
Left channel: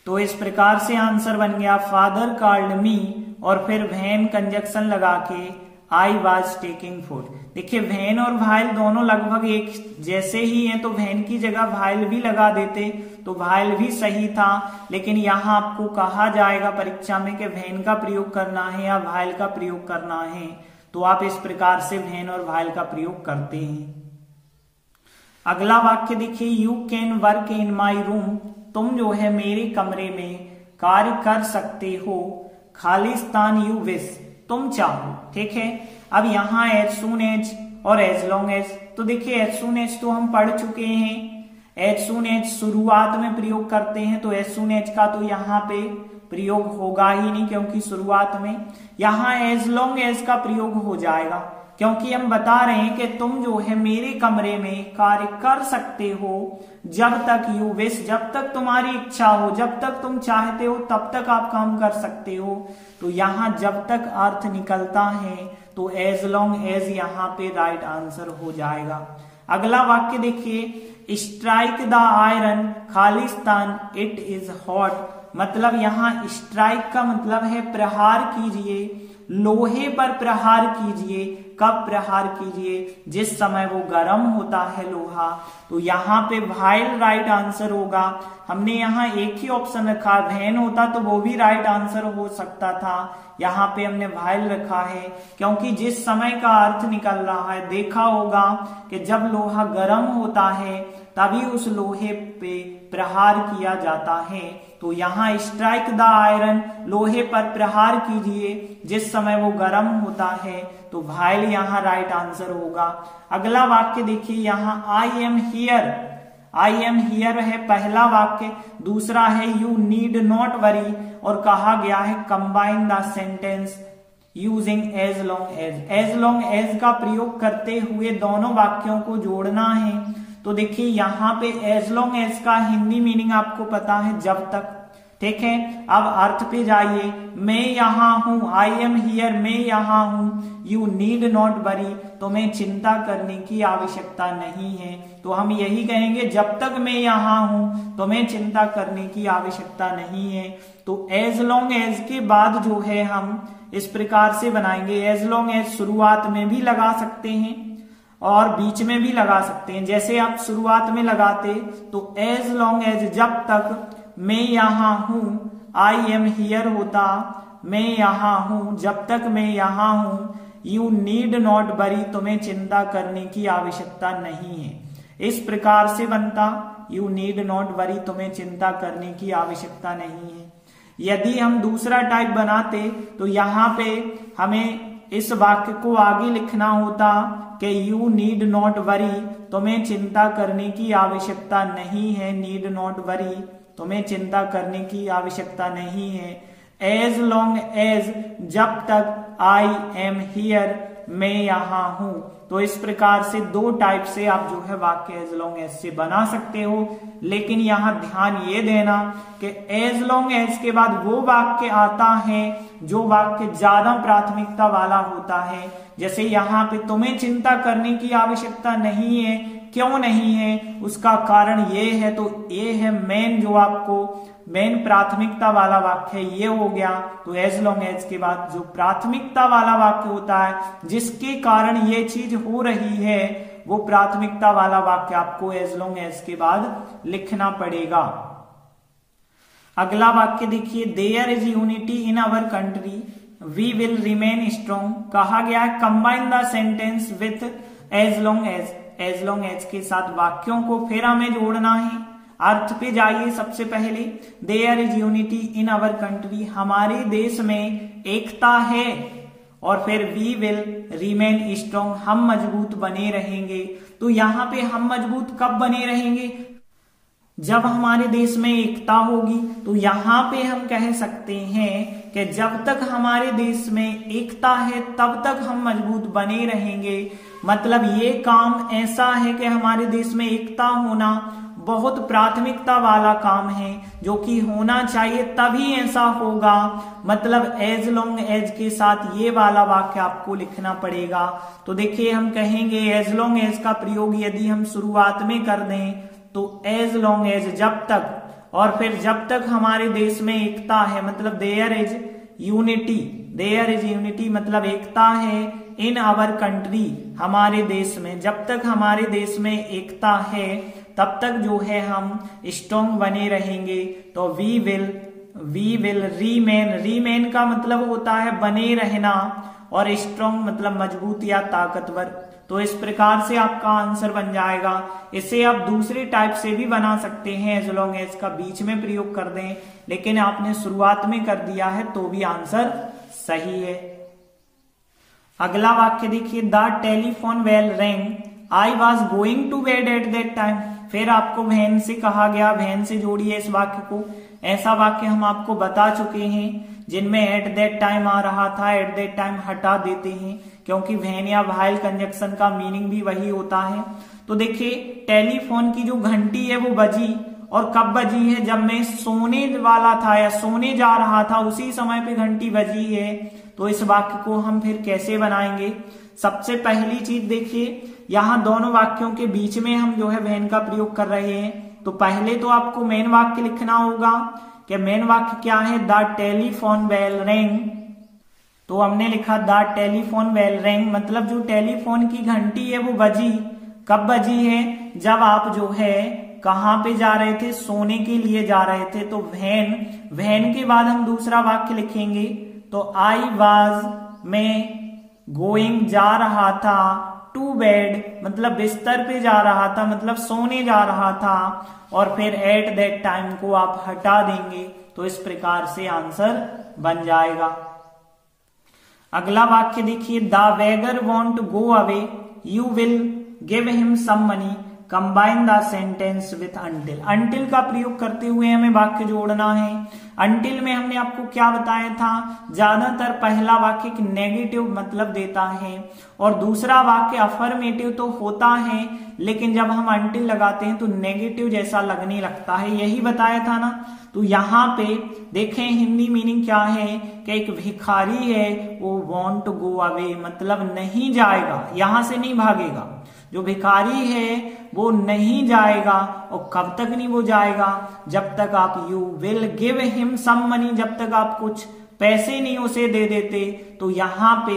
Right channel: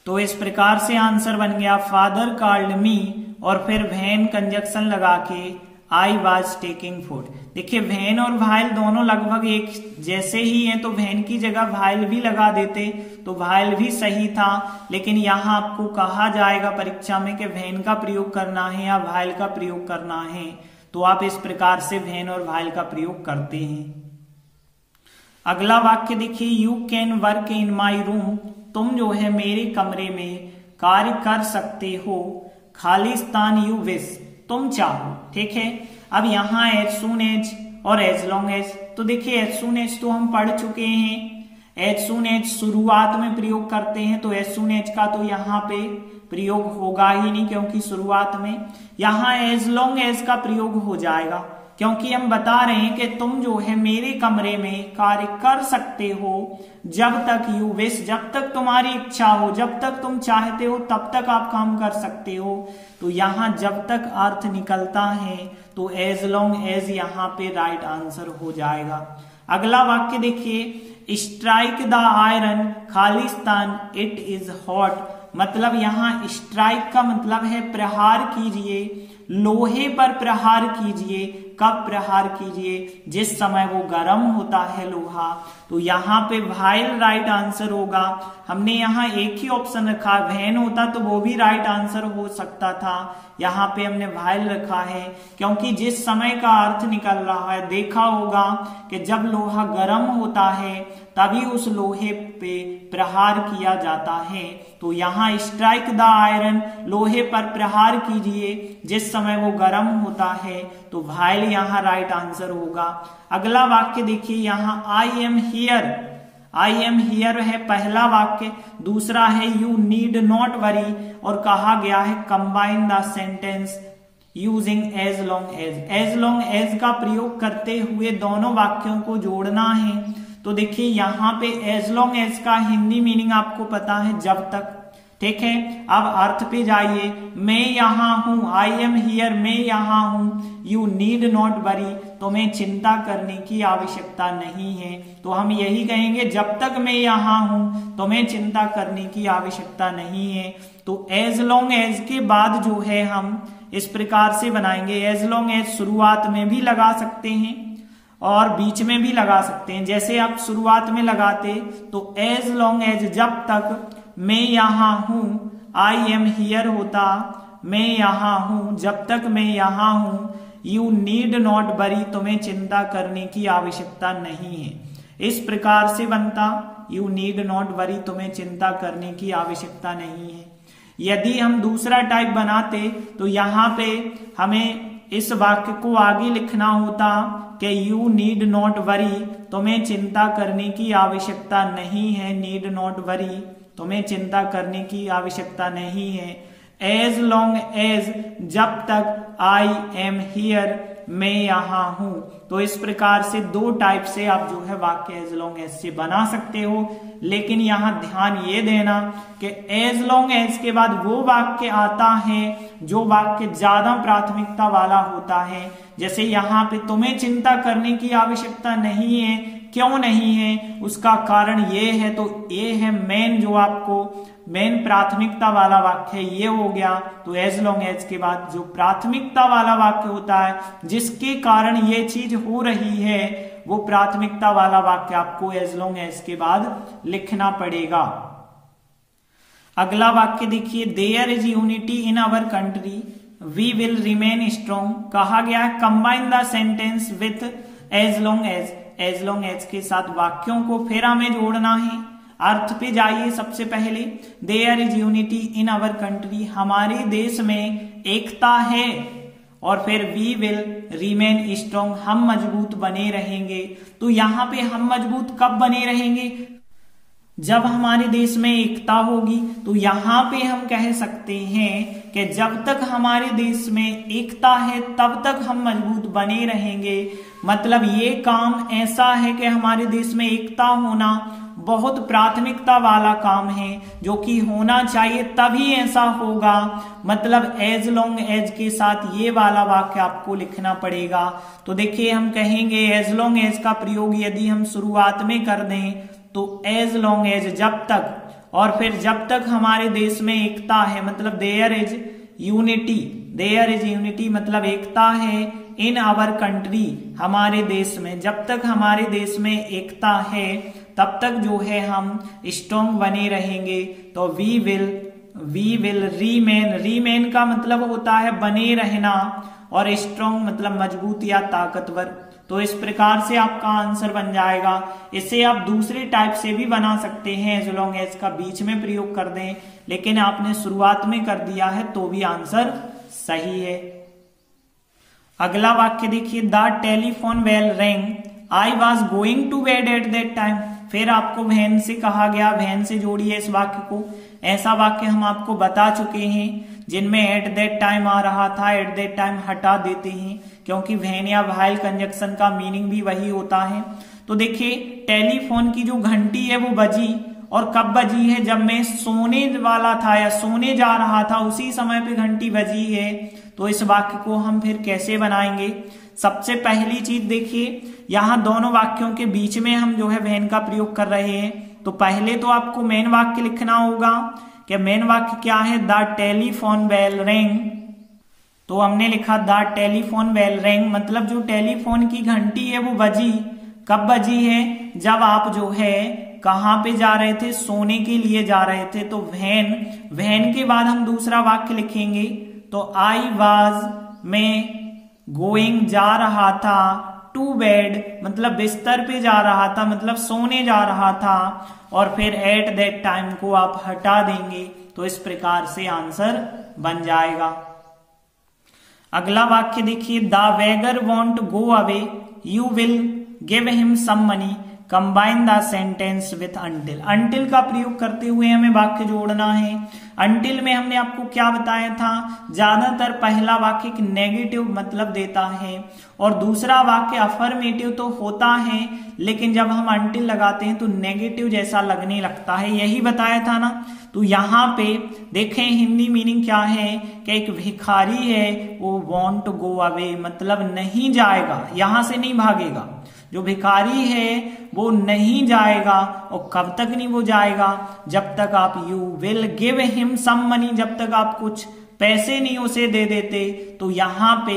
तो इस प्रकार से आंसर बन गया फादर कॉल्ड मी और फिर व्हेन कंजक्शन लगा के आई वॉज टेकिंग फूड। देखिए व्हेन और व्हाइल दोनों लगभग एक जैसे ही हैं, तो व्हेन की जगह व्हाइल भी लगा देते तो व्हाइल भी सही था। लेकिन यहाँ आपको कहा जाएगा परीक्षा में कि व्हेन का प्रयोग करना है या व्हाइल का प्रयोग करना है, तो आप इस प्रकार से व्हेन और व्हाइल का प्रयोग करते हैं। अगला वाक्य देखिए, you can work in my room, तुम जो है मेरे कमरे में कार्य कर सकते हो। खालिस्तान यू विश, तुम चाहो। ठीक है, अब यहाँ एज सून एज और एज लॉन्ग एज, तो देखिए एज सून एज तो हम पढ़ चुके हैं। एज सून एज शुरुआत में प्रयोग करते हैं, तो एज सून एज का तो यहाँ पे प्रयोग होगा ही नहीं क्योंकि शुरुआत में। यहाँ एज लॉन्ग एज का प्रयोग हो जाएगा क्योंकि हम बता रहे हैं कि तुम जो है मेरे कमरे में कार्य कर सकते हो जब तक यू विश, जब तक तुम्हारी इच्छा हो, जब तक तुम चाहते हो तब तक आप काम कर सकते हो। तो यहाँ जब तक अर्थ निकलता है तो एज लॉन्ग एज यहाँ पे राइट आंसर हो जाएगा। अगला वाक्य देखिए, strike the iron Khalistan it is hot, मतलब यहाँ स्ट्राइक का मतलब है प्रहार कीजिए, लोहे पर प्रहार कीजिए। कब प्रहार कीजिए? जिस समय वो गर्म होता है लोहा। तो यहाँ पे व्हाइल राइट आंसर होगा। हमने यहाँ एक ही ऑप्शन रखा, व्हेन होता तो वो भी राइट आंसर हो सकता था, यहाँ पे हमने व्हाइल रखा है क्योंकि जिस समय का अर्थ निकल रहा है। देखा होगा कि जब लोहा गर्म होता है तभी उस लोहे पे प्रहार किया जाता है। तो यहाँ स्ट्राइक द आयरन, लोहे पर प्रहार कीजिए जिस समय वो गर्म होता है, तो व्हाइल यहाँ राइट आंसर होगा। अगला वाक्य देखिए, यहाँ I am here, I am here है पहला वाक्य, दूसरा है यू नीड नॉट वरी और कहा गया है combine the sentence using as long as. As long as का प्रयोग करते हुए दोनों वाक्यों को जोड़ना है। तो देखिए यहाँ पे एज लॉन्ग एज का हिंदी मीनिंग आपको पता है जब तक। ठीक है, अब अर्थ पे जाइए, मैं यहाँ हूं, आई एम हियर, मैं यहाँ हूं। यू नीड नॉट वरी, तुम्हें चिंता करने की आवश्यकता नहीं है। तो हम यही कहेंगे, जब तक मैं यहाँ हूं तुम्हें चिंता करने की आवश्यकता नहीं है। तो एज लॉन्ग एज के बाद जो है हम इस प्रकार से बनाएंगे। एज लॉन्ग एज शुरुआत में भी लगा सकते हैं और बीच में भी लगा सकते हैं। जैसे आप शुरुआत में लगाते तो एज लॉन्ग एज जब तक मैं यहाँ हूं, आई एम हियर होता, मैं यहाँ हूं, जब तक मैं यहाँ हूं। यू नीड नॉट वरी, तुम्हें चिंता करने की आवश्यकता नहीं है। इस प्रकार से बनता, यू नीड नॉट वरी, तुम्हें चिंता करने की आवश्यकता नहीं है। यदि हम दूसरा टाइप बनाते तो यहाँ पे हमें इस वाक्य को आगे लिखना होता कि यू नीड नॉट वरी, तुम्हें चिंता करने की आवश्यकता नहीं है। नीड नॉट वरी, तुम्हें चिंता करने की आवश्यकता नहीं है। एज लॉन्ग एज, जब तक आई एम हियर, मैं यहाँ हूं। तो इस प्रकार से दो टाइप से आप जो है वाक्य एज लॉन्ग एज से बना सकते हो। लेकिन यहाँ ध्यान ये देना कि एज लॉन्ग एज के बाद वो वाक्य आता है जो वाक्य ज्यादा प्राथमिकता वाला होता है। जैसे यहाँ पे तुम्हें चिंता करने की आवश्यकता नहीं है, क्यों नहीं है, उसका कारण ये है, तो ये है मेन, जो आपको मेन प्राथमिकता वाला वाक्य ये हो गया। तो एज लॉन्ग एज के बाद जो प्राथमिकता वाला वाक्य होता है जिसके कारण ये चीज हो रही है, वो प्राथमिकता वाला वाक्य आपको एज लॉन्ग एज के बाद लिखना पड़ेगा। अगला वाक्य देखिए, there is unity in our country we will remain strong. कहा गया है combine the sentence with as long as. As long as के साथ वाक्यों को फिर हमें जोड़ना है। अर्थ पे जाइए। सबसे पहले there is unity in our country, हमारे देश में एकता है। और फिर वी विल रिमेन स्ट्रॉन्ग, हम मजबूत बने रहेंगे। तो यहाँ पे हम मजबूत कब बने रहेंगे? जब हमारे देश में एकता होगी। तो यहाँ पे हम कह सकते हैं कि जब तक हमारे देश में एकता है तब तक हम मजबूत बने रहेंगे। मतलब ये काम ऐसा है कि हमारे देश में एकता होना बहुत प्राथमिकता वाला काम है, जो कि होना चाहिए, तभी ऐसा होगा। मतलब एज लॉन्ग एज के साथ ये वाला वाक्य आपको लिखना पड़ेगा। तो देखिए हम कहेंगे एज लॉन्ग एज का प्रयोग यदि हम शुरुआत में कर दें तो एज लॉन्ग एज जब तक, और फिर जब तक हमारे देश में एकता है, मतलब there is unity. There is unity मतलब एकता है इन आवर कंट्री, हमारे देश में। जब तक हमारे देश में एकता है तब तक जो है हम स्ट्रॉन्ग बने रहेंगे। तो वी विल रीमेन। रीमेन का मतलब होता है बने रहना, और स्ट्रॉन्ग मतलब मजबूत या ताकतवर। तो इस प्रकार से आपका आंसर बन जाएगा। इसे आप दूसरे टाइप से भी बना सकते हैं, एज लॉन्ग एज का बीच में प्रयोग कर दें, लेकिन आपने शुरुआत में कर दिया है तो भी आंसर सही है। अगला वाक्य देखिए, the telephone bell rang I was going to bed at that time. फिर आपको वैन से कहा गया, वैन से जोड़िए इस वाक्य को। ऐसा वाक्य हम आपको बता चुके हैं जिनमें एट दैट टाइम आ रहा था, एट दैट टाइम हटा देते हैं, क्योंकि वैन या व्हाइल कंजक्शन का मीनिंग भी वही होता है। तो देखिए टेलीफोन की जो घंटी है वो बजी, और कब बजी है? जब मैं सोने वाला था या सोने जा रहा था, उसी समय पे घंटी बजी है। तो इस वाक्य को हम फिर कैसे बनाएंगे? सबसे पहली चीज देखिए, यहाँ दोनों वाक्यों के बीच में हम जो है वैन का प्रयोग कर रहे हैं। तो पहले तो आपको मेन वाक्य लिखना होगा कि मेन वाक्य क्या है, द टेलीफोन बेल रैंग। तो हमने लिखा द टेलीफोन बेल रैंग, मतलब जो टेलीफोन की घंटी है वो बजी। कब बजी है? जब आप जो है कहाँ पे जा रहे थे? सोने के लिए जा रहे थे। तो वैन के बाद हम दूसरा वाक्य लिखेंगे। तो आई वाज, मैं, गोइंग जा रहा था, टू बेड मतलब बिस्तर पे जा रहा था, मतलब सोने जा रहा था, और फिर एट दैट टाइम को आप हटा देंगे। तो इस प्रकार से आंसर बन जाएगा। अगला वाक्य देखिए, the beggar won't go away you will give him some money. Combine the sentence with until. Until का प्रयोग करते हुए हमें वाक्य जोड़ना है। अंटिल में हमने आपको क्या बताया था? ज्यादातर पहला वाक्य एक नेगेटिव मतलब देता है और दूसरा वाक्य अफर्मेटिव तो होता है, लेकिन जब हम अंटिल लगाते हैं तो नेगेटिव जैसा लगने लगता है। यही बताया था ना। तो यहाँ पे देखें हिंदी मीनिंग क्या है कि एक भिखारी है, वो वॉन्ट टू गो अवे मतलब नहीं जाएगा, यहां से नहीं भागेगा। जो भिखारी है वो नहीं जाएगा, और कब तक नहीं वो जाएगा? जब तक आप you will give him some money, जब तक आप कुछ पैसे नहीं उसे दे देते। तो यहाँ पे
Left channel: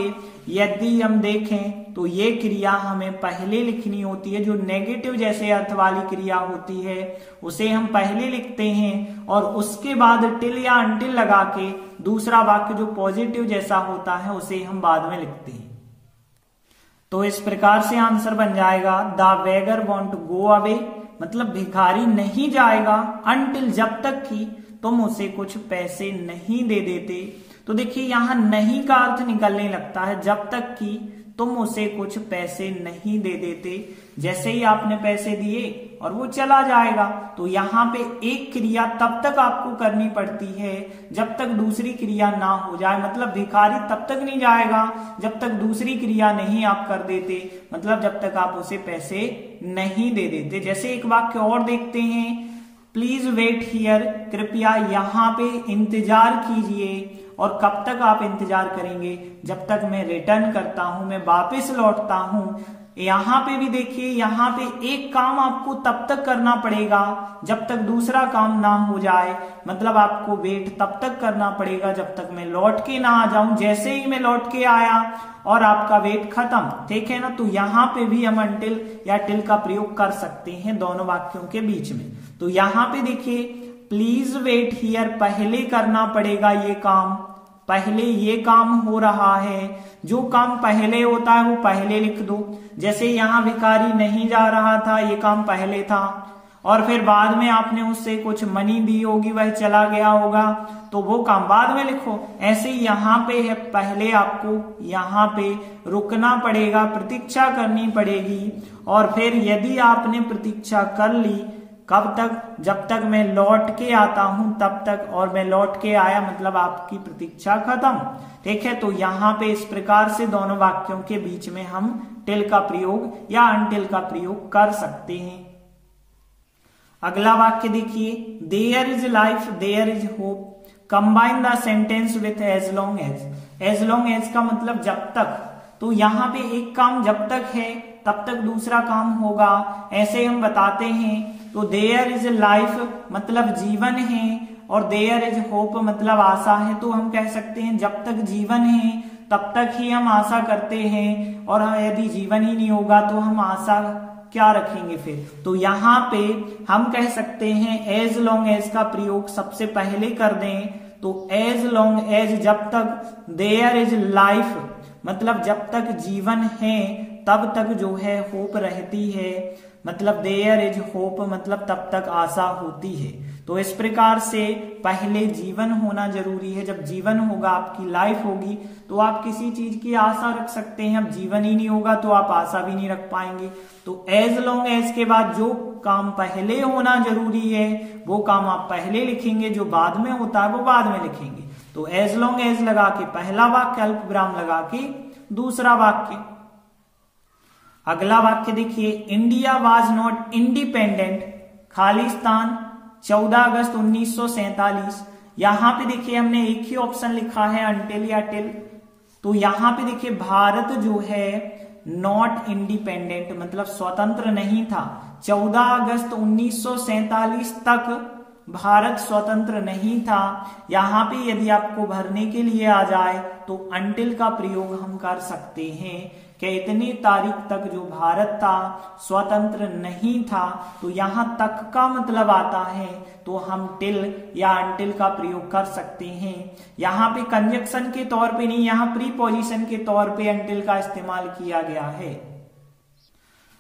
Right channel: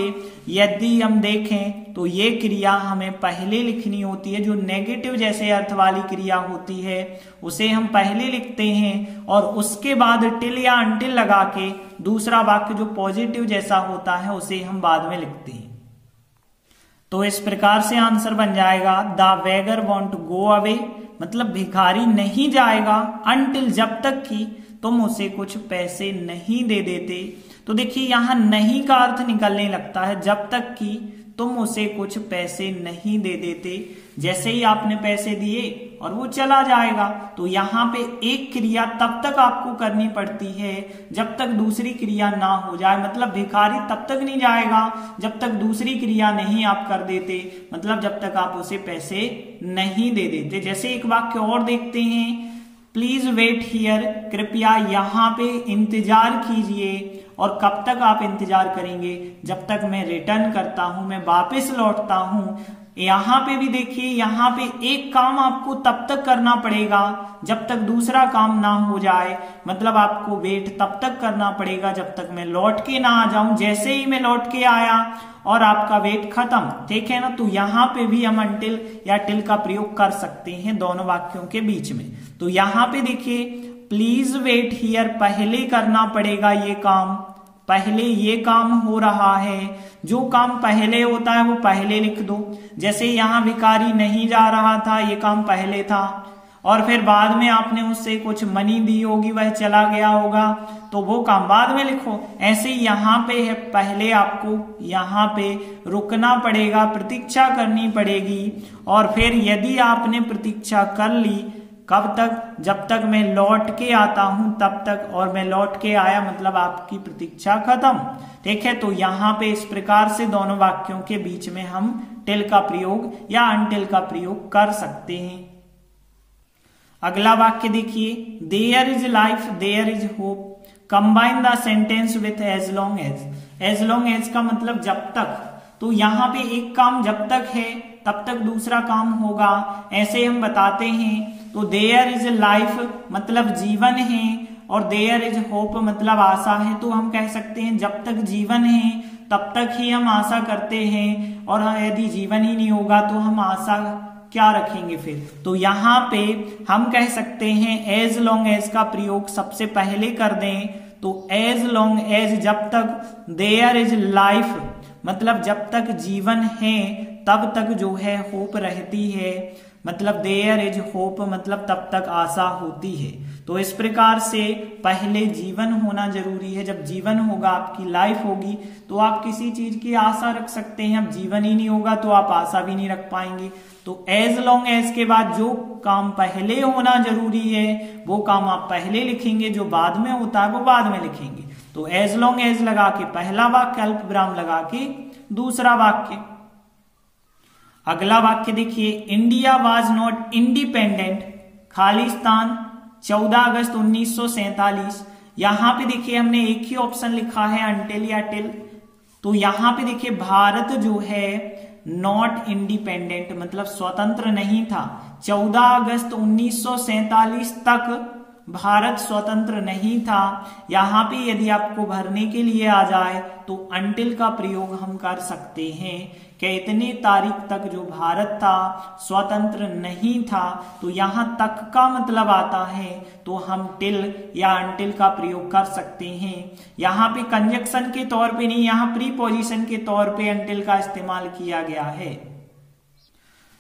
यदि हम देखें तो ये क्रिया हमें पहले लिखनी होती है। जो नेगेटिव जैसे अर्थ वाली क्रिया होती है उसे हम पहले लिखते हैं, और उसके बाद टिल या अंटिल लगा के दूसरा वाक्य जो पॉजिटिव जैसा होता है उसे हम बाद में लिखते हैं। तो इस प्रकार से आंसर बन जाएगा, the beggar won't to go away मतलब भिखारी नहीं जाएगा, अनटिल जब तक कि तुम उसे कुछ पैसे नहीं दे देते। तो देखिए यहाँ नहीं का अर्थ निकलने लगता है, जब तक कि तुम उसे कुछ पैसे नहीं दे देते। जैसे ही आपने पैसे दिए और वो चला जाएगा। तो यहाँ पे एक क्रिया तब तक आपको करनी पड़ती है जब तक दूसरी क्रिया ना हो जाए। मतलब भिखारी तब तक नहीं जाएगा जब तक दूसरी क्रिया नहीं आप कर देते, मतलब जब तक आप उसे पैसे नहीं दे देते। जैसे एक वाक्य और देखते हैं, प्लीज वेट हियर, कृपया यहाँ पे इंतजार कीजिए। और कब तक आप इंतजार करेंगे? जब तक मैं रिटर्न करता हूं, मैं वापस लौटता हूं। यहाँ पे भी देखिए, यहाँ पे एक काम आपको तब तक करना पड़ेगा जब तक दूसरा काम ना हो जाए। मतलब आपको वेट तब तक करना पड़ेगा जब तक मैं लौट के ना आ जाऊं। जैसे ही मैं लौट के आया और आपका वेट खत्म, ठीक है ना। तो यहाँ पे भी हम अनटिल या टिल का प्रयोग कर सकते हैं दोनों वाक्यों के बीच में। तो यहाँ पे देखिए, प्लीज वेट हियर, पहले करना पड़ेगा ये काम, पहले ये काम हो रहा है। जो काम पहले होता है वो पहले लिख दो। जैसे यहाँ भिखारी नहीं जा रहा था, ये काम पहले था। और फिर बाद में आपने उससे कुछ मनी दी होगी, वह चला गया होगा, तो वो काम बाद में लिखो। ऐसे यहाँ पे है, पहले आपको यहाँ पे रुकना पड़ेगा, प्रतीक्षा करनी पड़ेगी। और फिर यदि आपने प्रतीक्षा कर ली, कब तक? जब तक मैं लौट के आता हूं तब तक। और मैं लौट के आया मतलब आपकी प्रतीक्षा खत्म, ठीक है। तो यहाँ पे इस प्रकार से दोनों वाक्यों के बीच में हम टिल का प्रयोग या अनटिल का प्रयोग कर सकते हैं। अगला वाक्य देखिए, there is life, there is hope, combine the sentence with as long as. As long as का मतलब जब तक। तो यहाँ पे एक काम जब तक है तब तक दूसरा काम होगा, ऐसे हम बताते हैं। तो देयर इज लाइफ मतलब जीवन है, और देयर इज होप मतलब आशा है। तो हम कह सकते हैं जब तक जीवन है तब तक ही हम आशा करते हैं, और यदि जीवन ही नहीं होगा तो हम आशा क्या रखेंगे फिर। तो यहाँ पे हम कह सकते हैं एज लॉन्ग एज का प्रयोग सबसे पहले कर दें। तो एज लॉन्ग एज जब तक, देयर इज लाइफ मतलब जब तक जीवन है तब तक जो है होप रहती है। मतलब देयर इज होप मतलब तब तक आशा होती है। तो इस प्रकार से पहले जीवन होना जरूरी है। जब जीवन होगा, आपकी लाइफ होगी, तो आप किसी चीज की आशा रख सकते हैं। अब जीवन ही नहीं होगा तो आप आशा भी नहीं रख पाएंगे। तो एज लॉन्ग एज के बाद जो काम पहले होना जरूरी है वो काम आप पहले लिखेंगे, जो बाद में होता है वो बाद में लिखेंगे। तो एज लॉन्ग एज लगा के पहला वाक्य, अल्प विराम लगा के दूसरा वाक्य। अगला वाक्य देखिए, India was not independent, Khalistan 14 अगस्त 1947। यहां पे देखिए हमने एक ही ऑप्शन लिखा है अनटिल या टिल। तो यहां पे देखिए भारत जो है नॉट इंडिपेंडेंट मतलब स्वतंत्र नहीं था। 14 अगस्त 1947 तक भारत स्वतंत्र नहीं था। यहाँ पे यदि आपको भरने के लिए आ जाए तो अनटिल का प्रयोग हम कर सकते हैं कि इतनी तारीख तक जो भारत था स्वतंत्र नहीं था। तो यहाँ तक का मतलब आता है तो हम टिल या अनटिल का प्रयोग कर सकते हैं। यहाँ पे कंजक्शन के तौर पे नहीं, यहाँ प्रीपोजिशन के तौर पे अनटिल का इस्तेमाल किया गया है।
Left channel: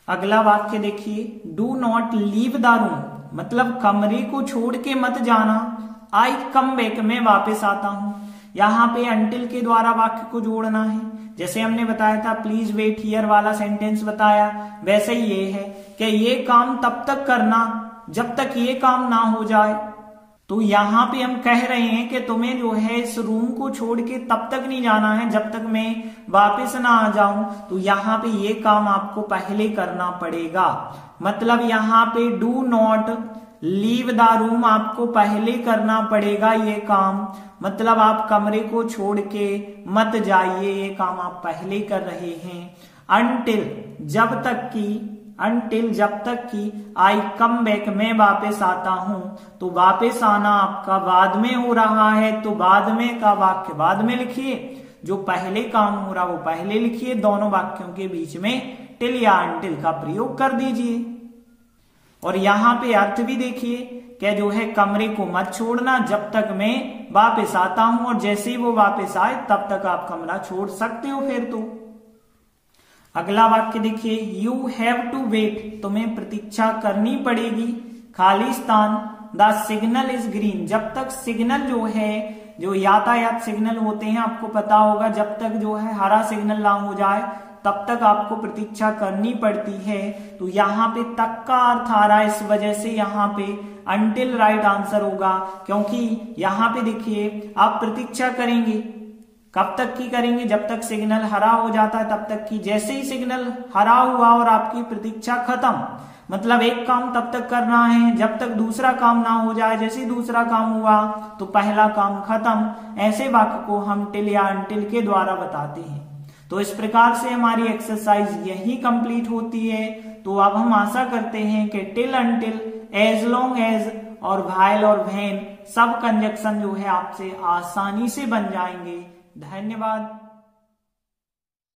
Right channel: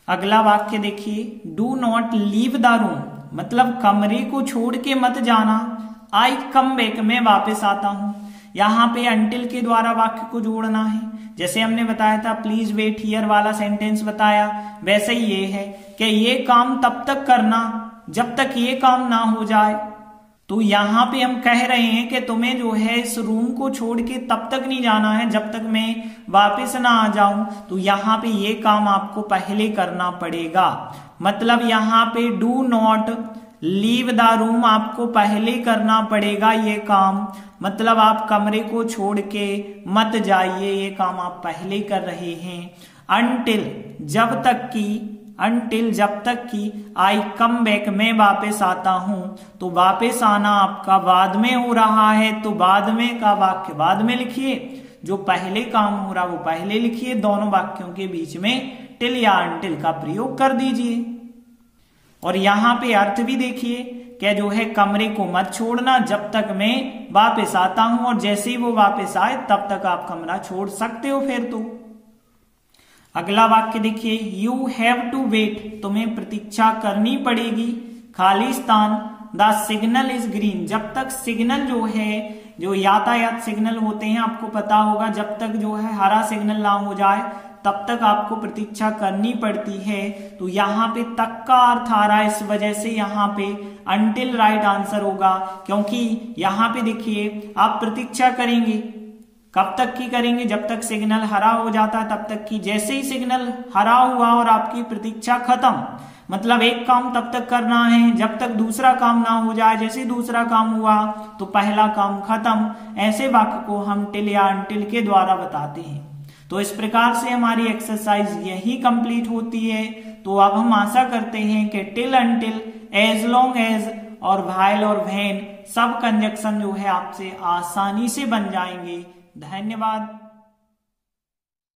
अगला वाक्य देखिए, do not leave the room मतलब कमरे को छोड़ के मत जाना। आई कम बैक में वापस आता हूं। यहाँ पे अनटिल के द्वारा वाक्य को जोड़ना है। जैसे हमने बताया था प्लीज वेट हियर वाला सेंटेंस बताया, वैसे ही ये है कि ये काम तब तक करना जब तक ये काम ना हो जाए। तो यहाँ पे हम कह रहे हैं कि तुम्हें जो है इस रूम को छोड़ के तब तक नहीं जाना है जब तक मैं वापस ना आ जाऊं। तो यहाँ पे ये काम आपको पहले करना पड़ेगा। मतलब यहाँ पे do not leave the room आपको पहले करना पड़ेगा ये काम। मतलब आप कमरे को छोड़ के मत जाइए, ये काम आप पहले कर रहे हैं। अनटिल जब तक की, अनटिल जब तक की, आई कम बैक मैं वापस आता हूं। तो वापस आना आपका बाद में हो रहा है तो बाद में का वाक्य बाद में लिखिए, जो पहले काम हो रहा वो पहले लिखिए। दोनों वाक्यों के बीच में टिल या अनटिल का प्रयोग कर दीजिए। और यहाँ पे अर्थ भी देखिए कि जो है कमरे को मत छोड़ना जब तक मैं वापस आता हूं, और जैसे ही वो वापस आए तब तक आप कमरा छोड़ सकते हो फिर तो। अगला वाक्य देखिए, यू हैव टू वेट तुम्हें प्रतीक्षा करनी पड़ेगी। Khalistan the signal is green जब तक सिग्नल जो है, जो यातायात सिग्नल होते हैं आपको पता होगा, जब तक जो है हरा सिग्नल ना हो जाए तब तक आपको प्रतीक्षा करनी पड़ती है। तो यहाँ पे तक का अर्थ आ रहा है, इस वजह से यहाँ पे until राइट आंसर होगा, क्योंकि यहाँ पे देखिए आप प्रतीक्षा करेंगे, कब तक की करेंगे, जब तक सिग्नल हरा हो जाता है तब तक की। जैसे ही सिग्नल हरा हुआ और आपकी प्रतीक्षा खत्म, मतलब एक काम तब तक करना है जब तक दूसरा काम ना हो जाए। जैसे ही दूसरा काम हुआ तो पहला काम खत्म। ऐसे वाक्य को हम टिल या अनटिल के द्वारा बताते हैं। तो इस प्रकार से हमारी एक्सरसाइज यही कंप्लीट होती है। तो अब हम आशा करते हैं कि till, until, as long as और व्हाइल और व्हेन सब कंजक्शन जो है आपसे आसानी से बन जाएंगे। धन्यवाद।